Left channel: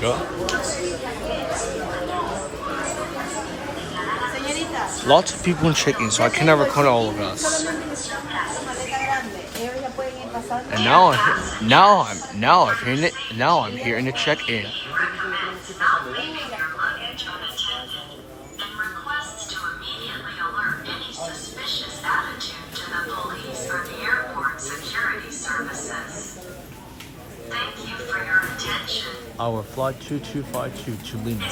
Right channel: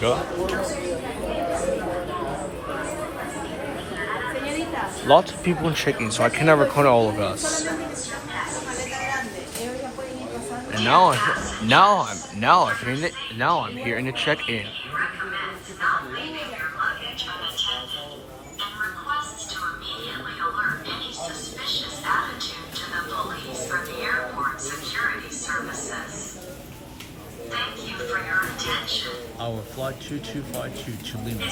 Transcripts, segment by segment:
go. Lots of people check-in, so I cannot record all of us. And now I'm here in the check-in. Our flight 2252 to Lima.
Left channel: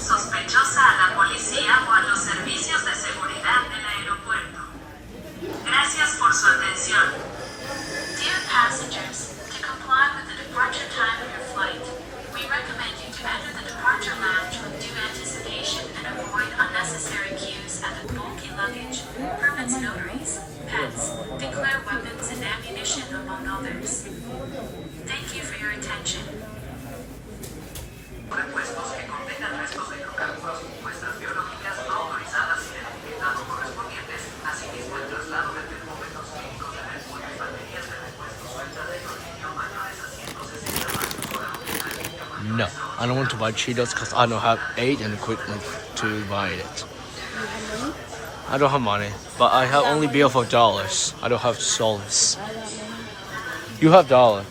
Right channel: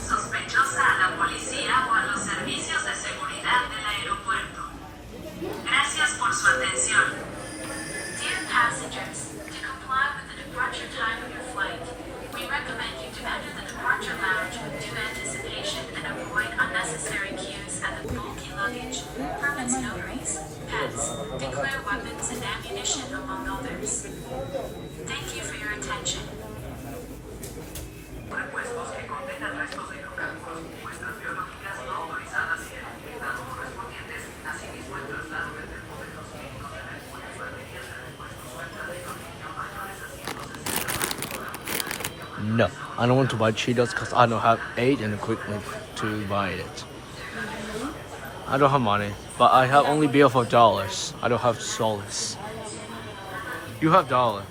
Sospechosa a la policía o a los servicios de seguridad del aeropuerto. Gracias por su atención. Dear passengers, to comply with the departure time of your flight, we recommend you to enter the departure lounge with due anticipation and avoid unnecessary queues at the bulky luggage, permits notaries, pets, declare weapons and ammunition, among others. Thank you for your attention. No, I don't want to buy Cheetos because I don't have aid and equipment to buy it. I don't have money, but I have only bill for dollars. I don't have dollars. You have dollar.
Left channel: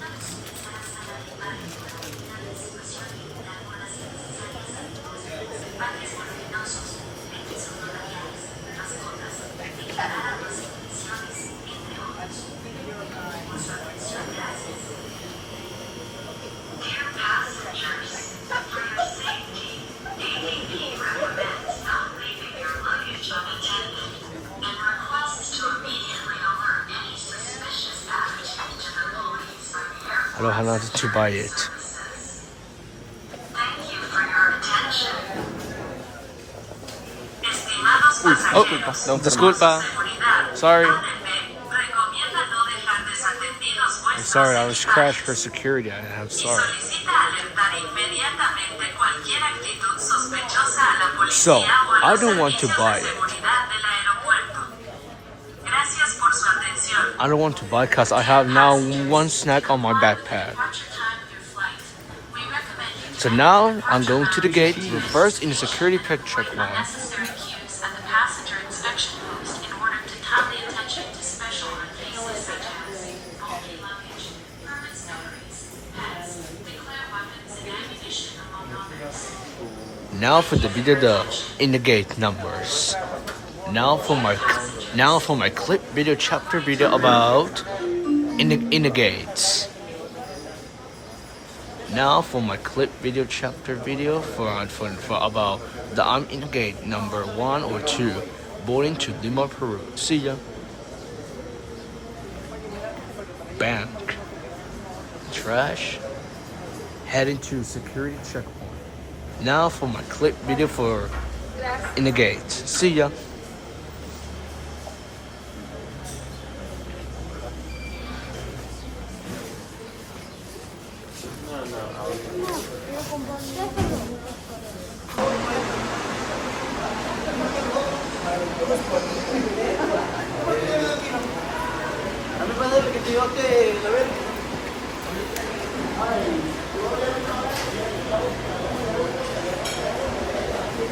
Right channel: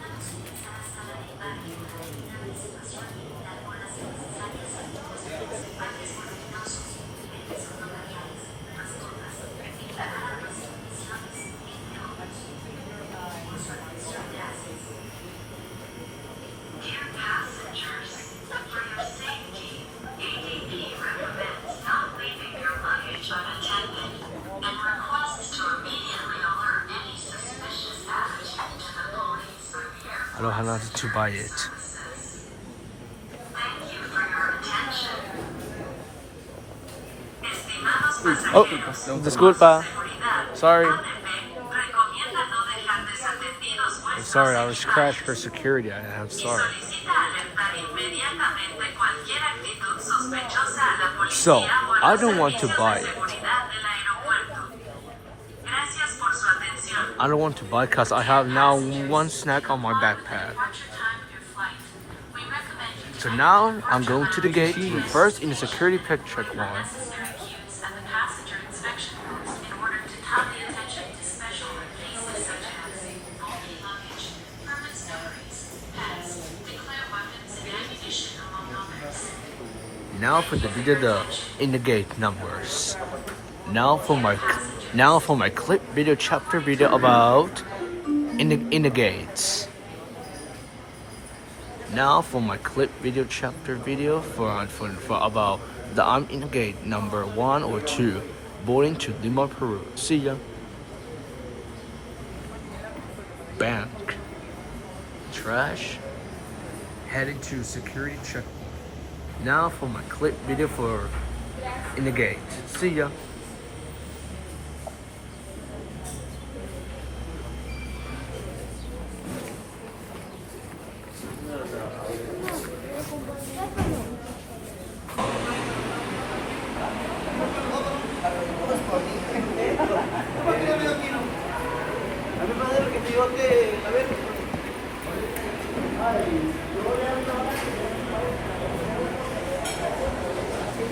I don't have nothing to buy it. Oh, disculpa. Sorry. I'm sorry, I was crashed for security and I'm sorry. So, I don't want to buy it. I don't want to buy because I have now one snack on my backpack. So now I'm going to the gate. We're first in the security checkpoint. Now for the video in the gate numbers. Now for my clip video chapter video about in the gates. Now for my clip video chapter video for about the I'm in the gate number 1 or 2 boarding to Lima, Peru. See ya. Bank. Trash. Heading to security checkpoint. Now for my clip video for in the gate. See ya.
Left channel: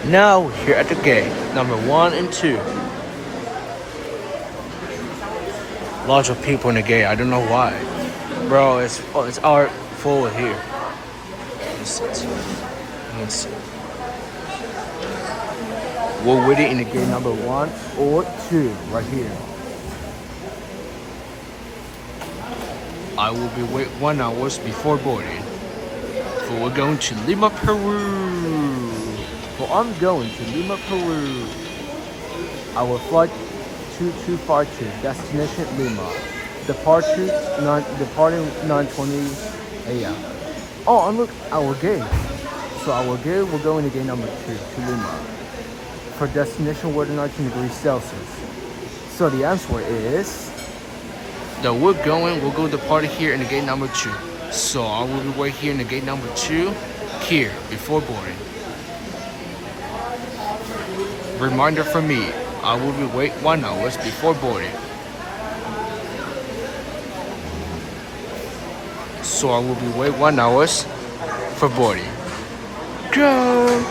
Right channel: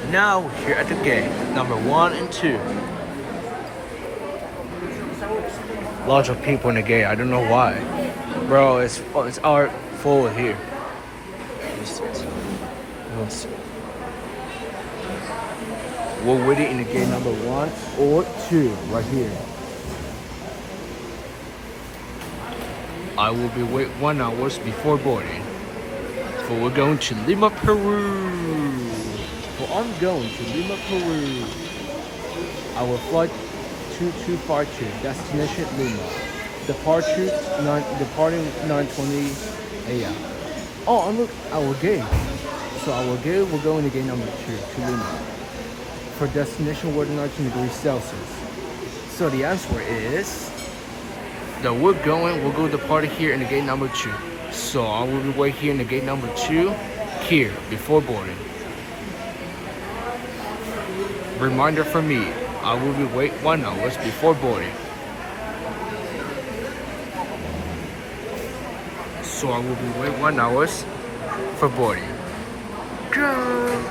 Now we're here at the gate, number 1 and 2. Lots of people in the gate, I don't know why. Bro, it's our forward here. Let's see. We're waiting in the gate number 1 or 2, right here. I will be wait 1 hour before boarding. For we're going to Lima, Peru. Well, I'm going to Lima, Peru. Our flight 2252, destination Lima. Departing 9:20 a.m. Oh, and look, our gate. So our gate, we're going to gate number 2 to Lima. For destination, we're 19 degrees Celsius. So the answer is that we'll go to the party here in the gate number 2. So I will be wait here in the gate number 2 here before boarding. Reminder for me, I will be wait 1 hour before boarding. So I will be wait 1 hour for boarding. Go!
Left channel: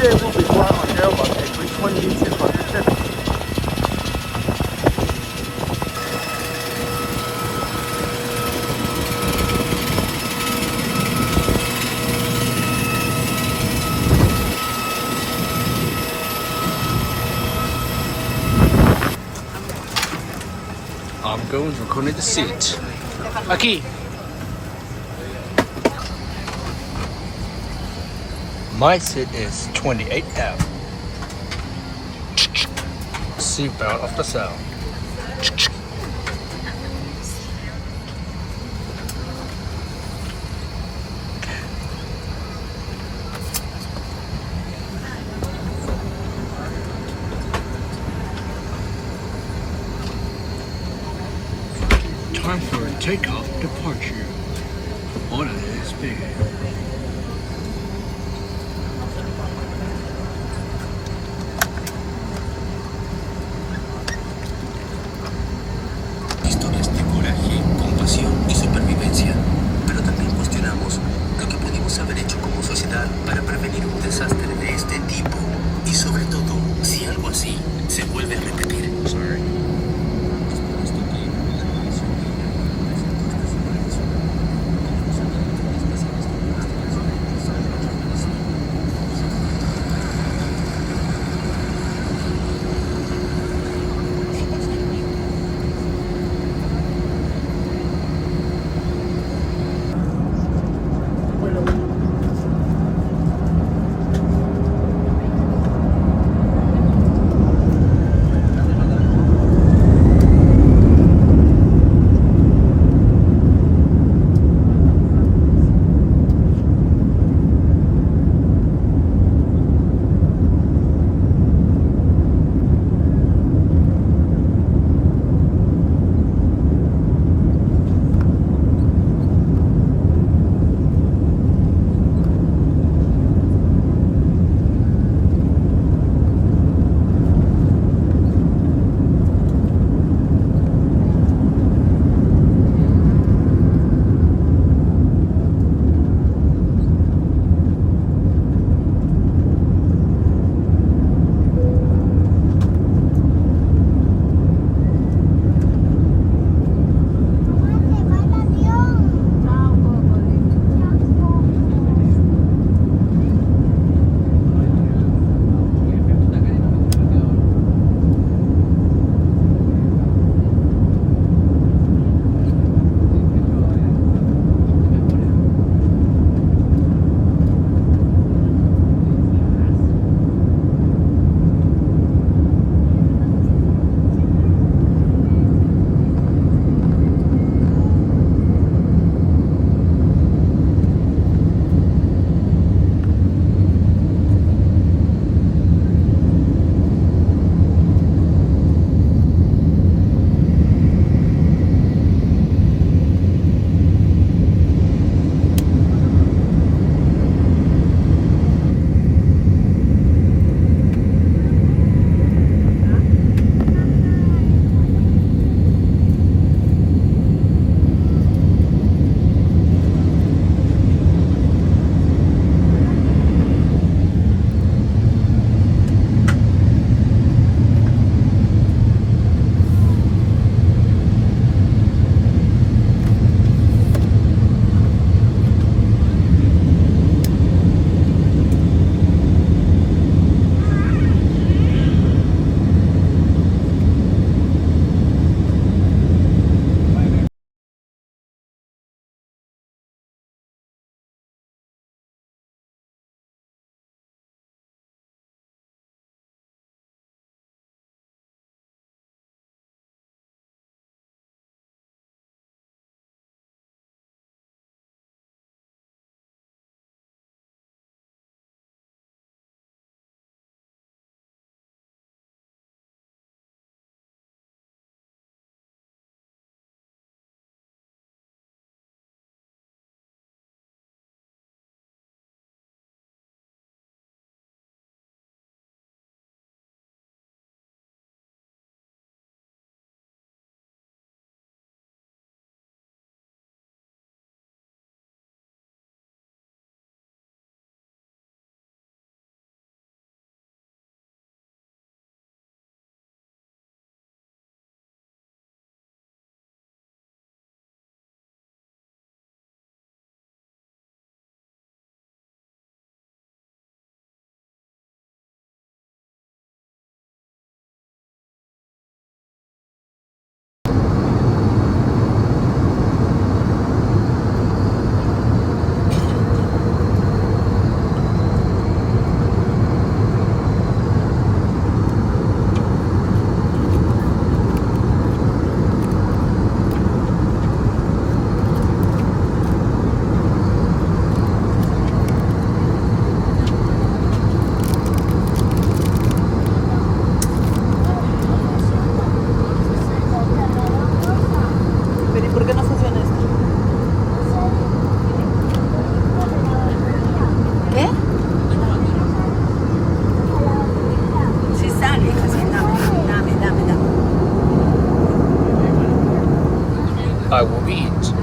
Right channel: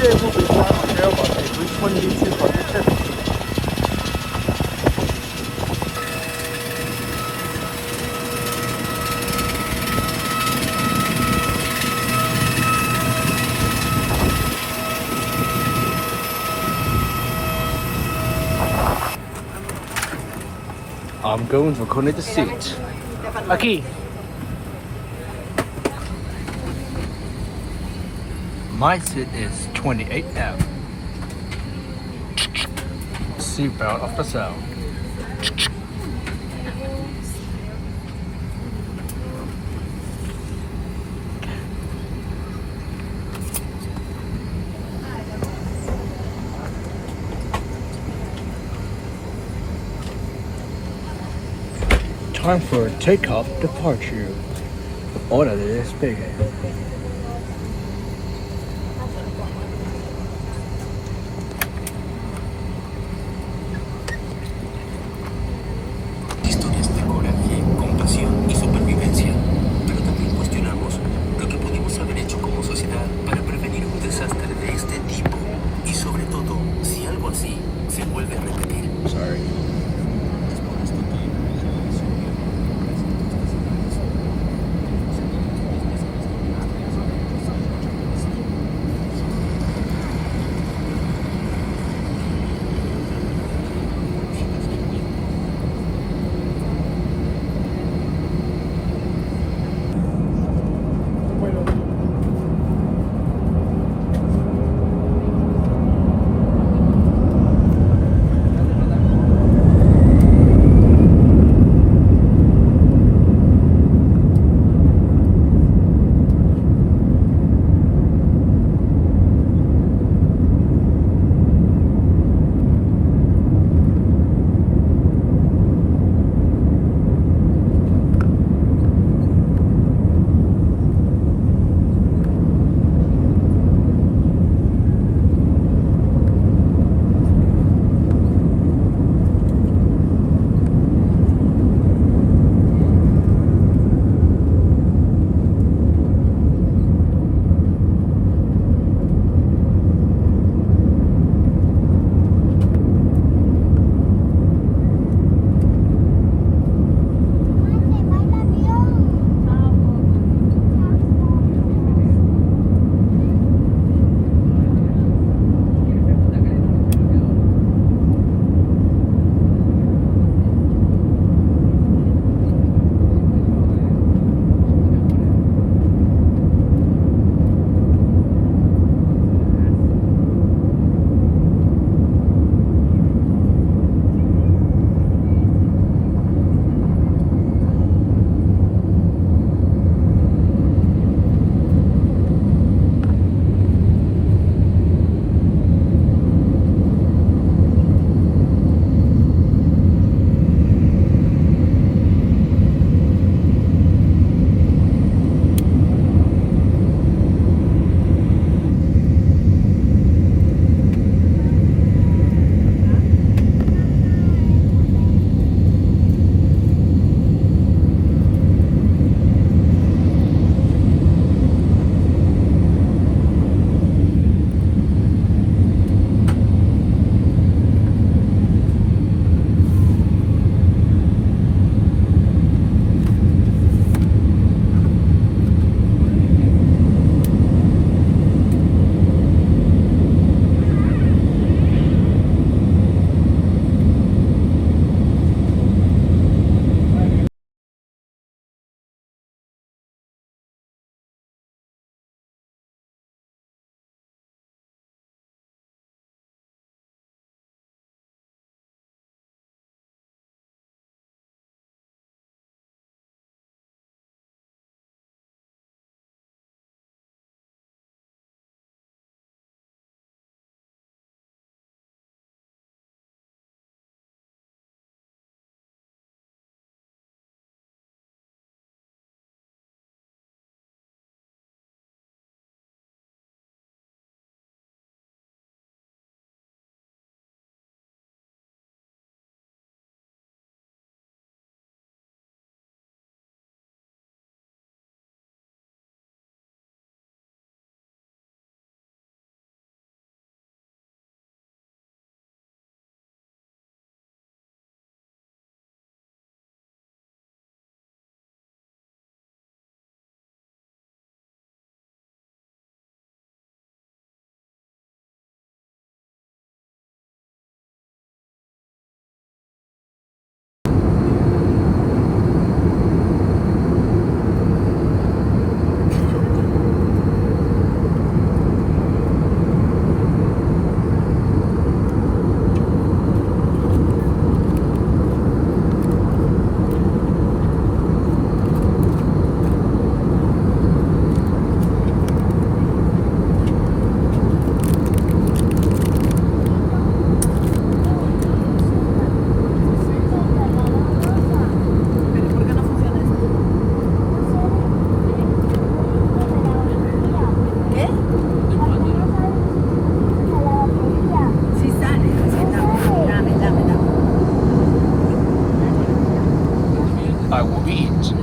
Today we'll be flying on Airbus A320-215. I'm going to connect the seat. Aquí. My seat is 28F. Seatbelt of the sound. Time for takeoff departure. Hora de despegue. Historias de coraje, compasión y supervivencia, pero también cuestionamos lo que pudimos haber hecho como sociedad para prevenir un desastre de este tipo y sobre todo si algo así se vuelve a repetir. Sorry. I will be it.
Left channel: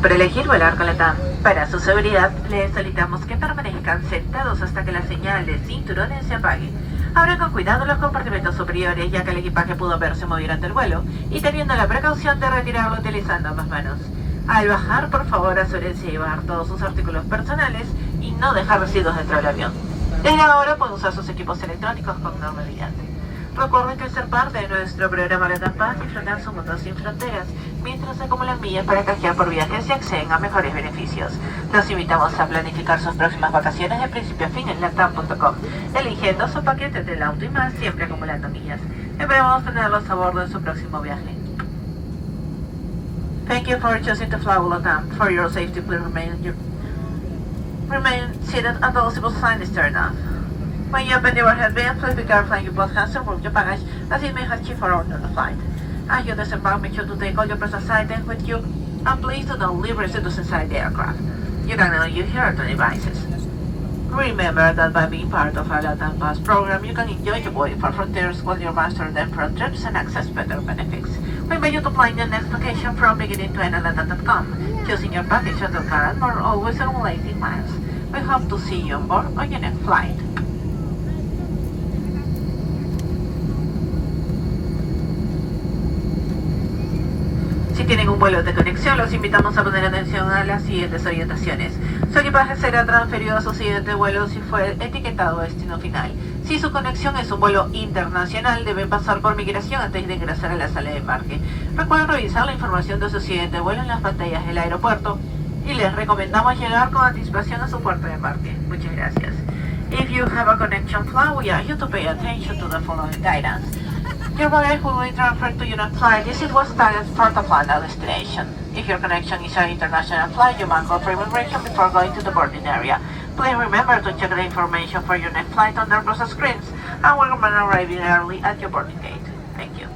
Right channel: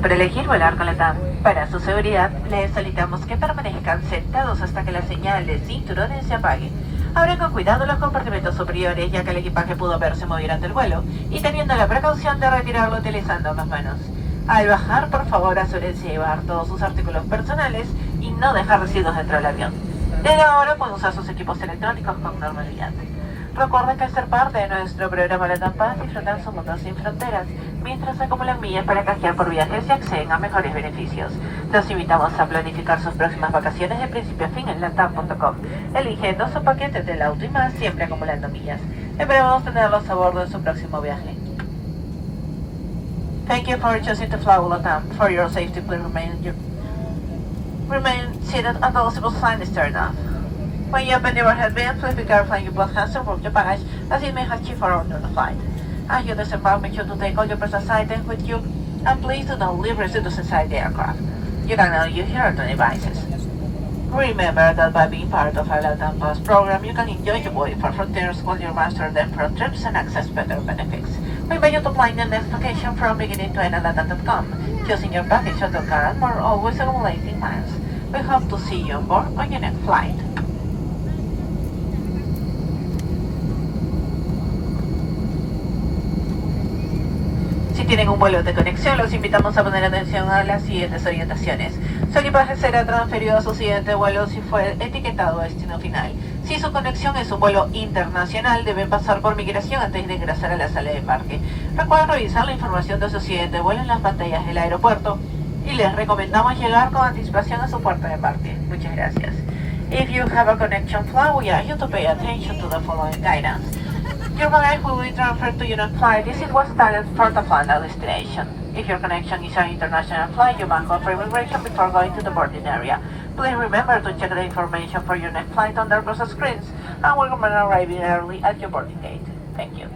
Por elegir volar con Latam. Para su seguridad, les solicitamos que permanezcan sentados hasta que la señal de cinturones se apague. Abran con cuidado los compartimentos superiores, ya que el equipaje pudo verse mover durante el vuelo, y teniendo la precaución de retirarlo utilizando ambas manos. Al bajar, por favor, asegúrense de llevar todos sus artículos personales y no dejar residuos dentro del avión. Desde ahora pueden usar sus equipos electrónicos con normalidad. Recuerden que al ser parte de nuestro programa Latam Paz, disfrutan su mundo sin fronteras, mientras acumulan millas para canjear por viajes y acceden a mejores beneficios. Los invitamos a planificar sus próximas vacaciones de principio a fin en latam.com, eligiendo su paquete del auto y más, siempre acumulando millas. Esperamos tenerlos a bordo en su próximo viaje. Thank you for choosing to fly with Latam. For your safety, please remain seated until the visible sign is turned off. When you open your headband, please be careful and you both hands to remove your baggage, as it may have you forward on the flight. As you disembark, make sure to take all your personal items with you, and please do not leave residuals inside the aircraft. You can now use your other devices. Remember that by being part of our Latam Pass program, you can enjoy your voyage for frontiers while you master the Pro trips and access better benefits. We invite you to plan your next vacation from beginning to end at latam.com, choosing your package shuttle car and more, always accumulating miles. We hope to see you on board on your next flight. Si tienen un vuelo de conexión, los invitamos a poner atención a las siguientes orientaciones. Su equipaje será transferido a su siguiente vuelo si fue etiquetado destino final. Si su conexión es un vuelo internacional, deben pasar por migración antes de ingresar a la sala de embarque. Recuerden revisar la información de su siguiente vuelo en las pantallas del aeropuerto y les recomendamos llegar con anticipación a su puerta de embarque. Muchas gracias. If you have a connection flight, we ask you to pay attention to the following guidance. Your baggage will be transferred to your next flight. This is what's targeted for the final destination. If your connection is an international flight, you must go through immigration before going to the boarding area. Please remember to check the information for your next flight on the process screens and will remain arriving early at your boarding gate. Thank you.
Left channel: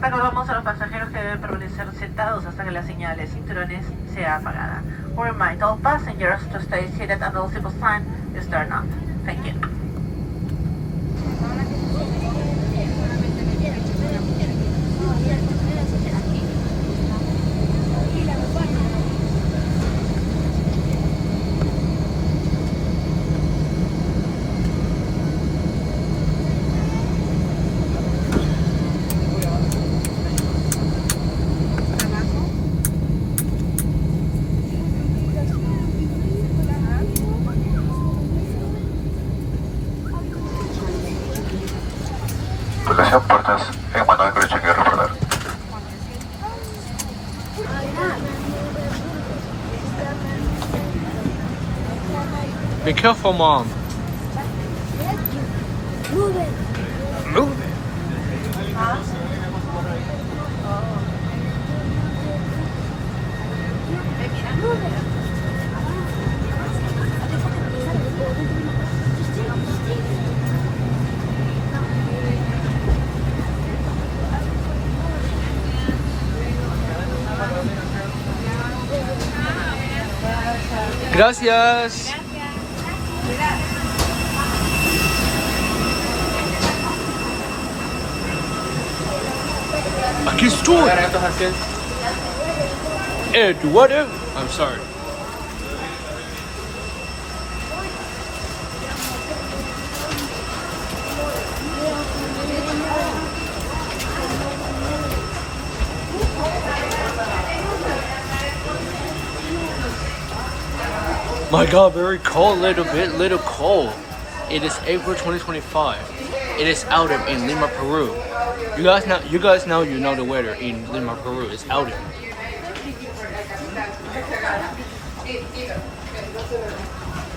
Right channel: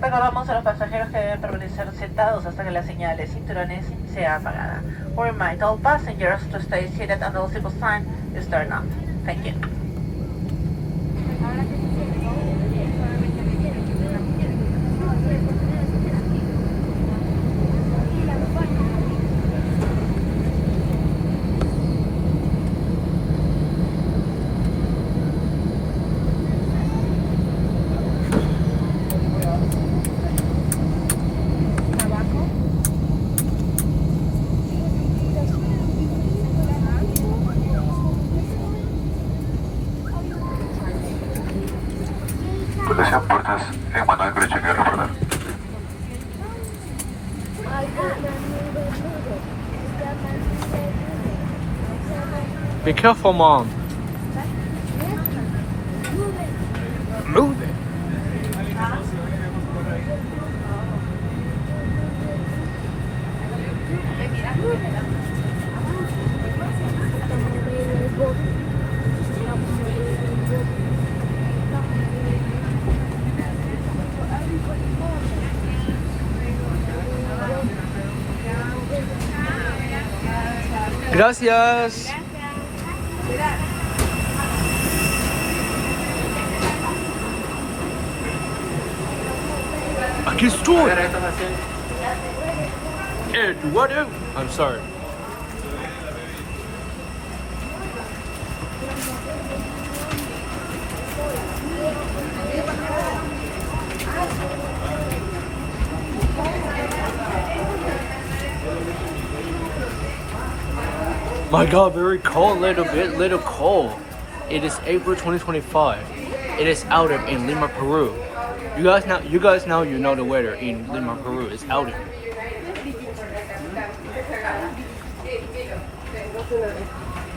Recordamos a los pasajeros que deben permanecer sentados hasta que la señal de cinturones sea apagada. We remind all passengers to stay seated until the visible sign is turned off. Thank you. Puertas en mano de conexión y recordar. Be careful, Mom. Move it. Gracias. Aquí estoy. Eduardo. I'm sorry. My God, very cold, little cold. It is April 2025. It is autumn in Lima, Peru. You guys now you know the weather in Lima, Peru. It's autumn.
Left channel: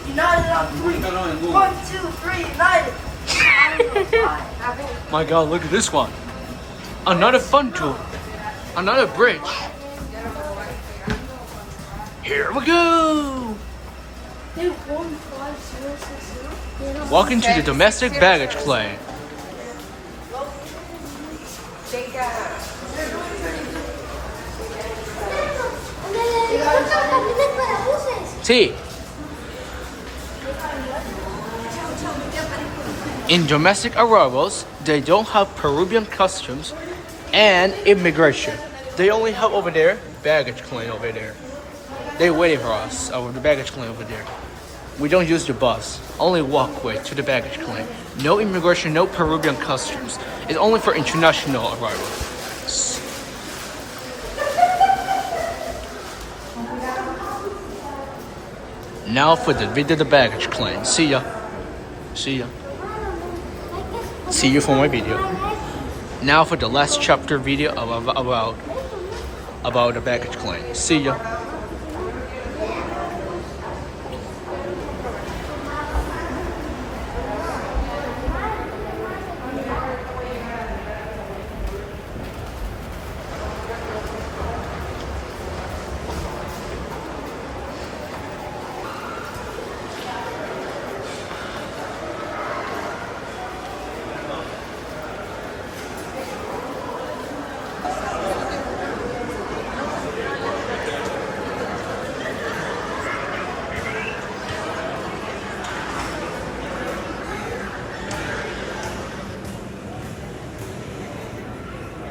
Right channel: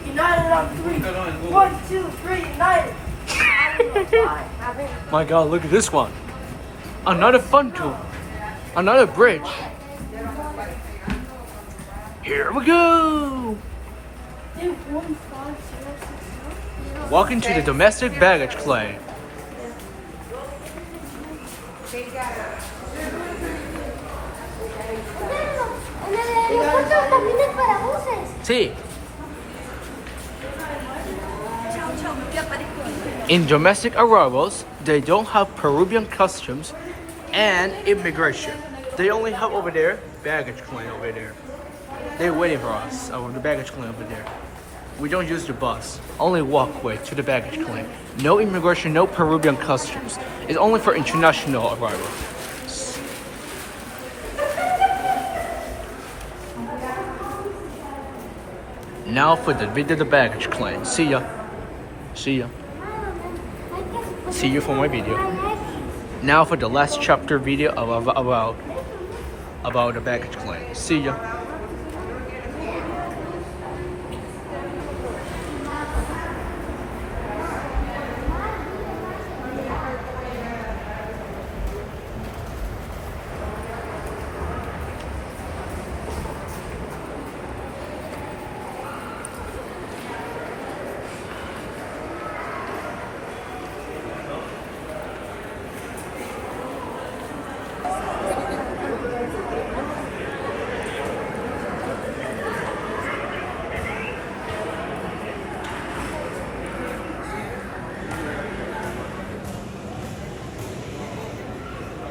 United on three. 1, 2, 3, United. My God, look at this one. Another fun tour. Another bridge. Here we go. Welcome to the domestic baggage claim. See, in domestic arrivals, they don't have Peruvian customs and immigration. They only have over there baggage claim over there. They're waiting for us over the baggage claim over there. We don't use the bus, only walkway to the baggage claim. No immigration, no Peruvian customs. It's only for international arrivals. Now for the video of the baggage claim. See ya. See ya. See you for my video. Now for the last chapter video about the baggage claim. See ya.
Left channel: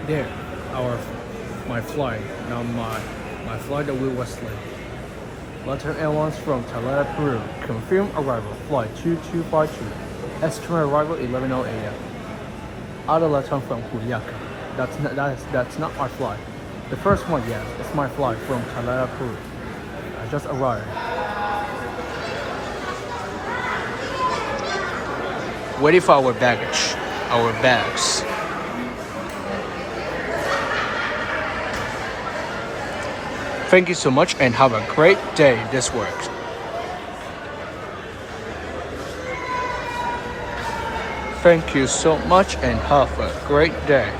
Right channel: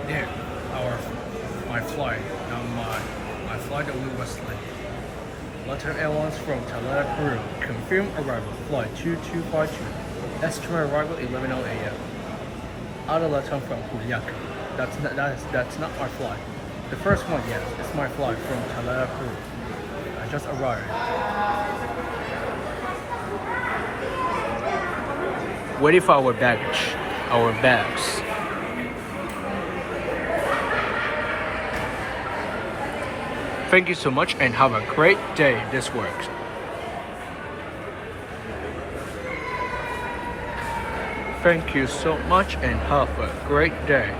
There, my flight. Now my flight that we was late. Latam Airlines from Talara, Peru. Confirmed arrival. Flight 2252. Estimated arrival 11:00 a.m. Out of Latam from Juliaca. That's not my flight. The first one, yes, it's my flight from Talara, Peru. I just arrived. Waiting for our baggage, our bags. Thank you so much and have a great day. This works. Thank you so much and have a great day.